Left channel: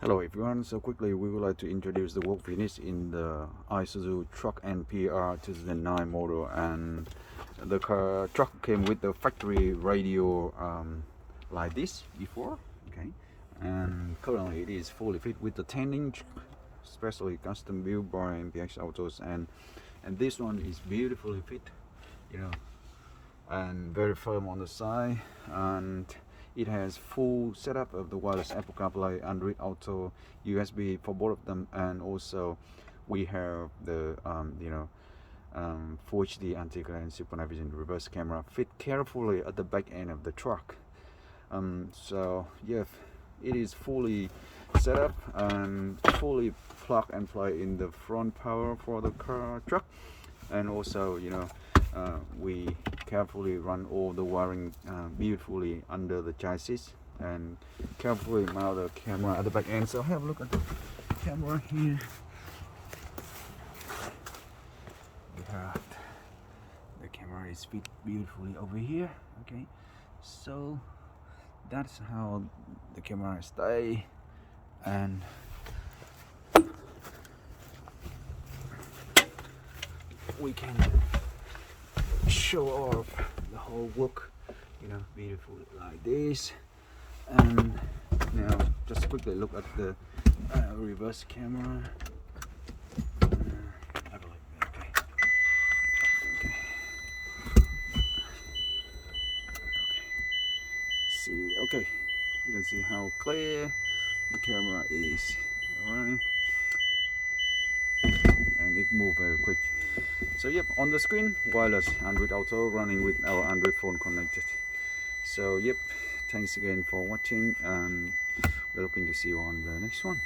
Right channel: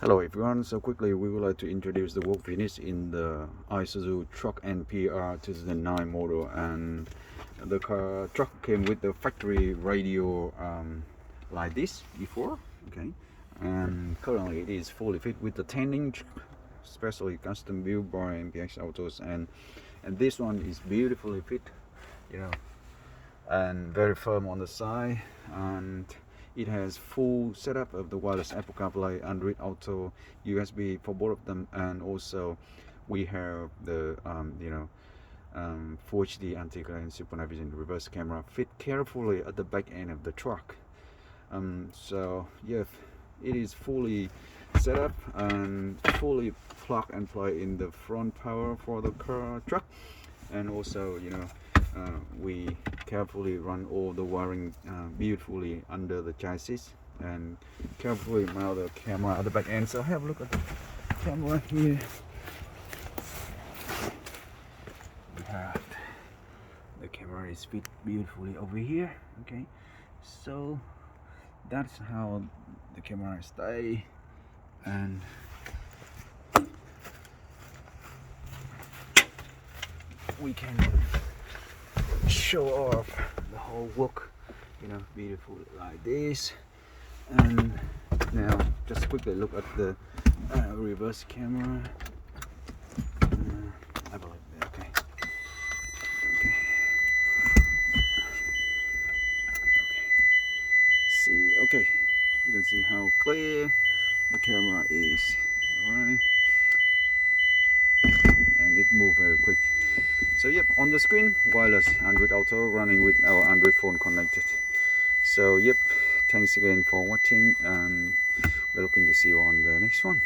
Hello everyone, so quickly we would like to introduce the work finish in the Isuzu TRUCK NPR 2009 model, and the truck came with the factory radio like this before, okay, and currently it is fully fit with the 10-inch specially custom built by MPX AUTOS, and this one is beautifully fit, and very firm on the side, and it has full setup of the wireless Apple Carplay, Android Auto, USB for both of them, and also we have the Full HD anti-glare and super night vision reverse camera fit carefully at the back end of the truck. So yeah, it is fully set up and fully plug and play in the front power for the truck, and also we carefully run all the wiring beautifully under the chassis and carefully mount the camera at the back end. So have a look at the camera here. We have the camera is fit beautifully over here. Okay, so that's how the camera stay, and we can show off the whole work, beautiful like this. And now just quickly look at the reverse camera. I believe that. Okay. See, okay, you can see how clear the camera is. All right, and it moved very quick. So yep, on the screen, wireless Android Auto running with our Android phone connected. So yep, thanks again for watching, and we're looking to see you on the next one.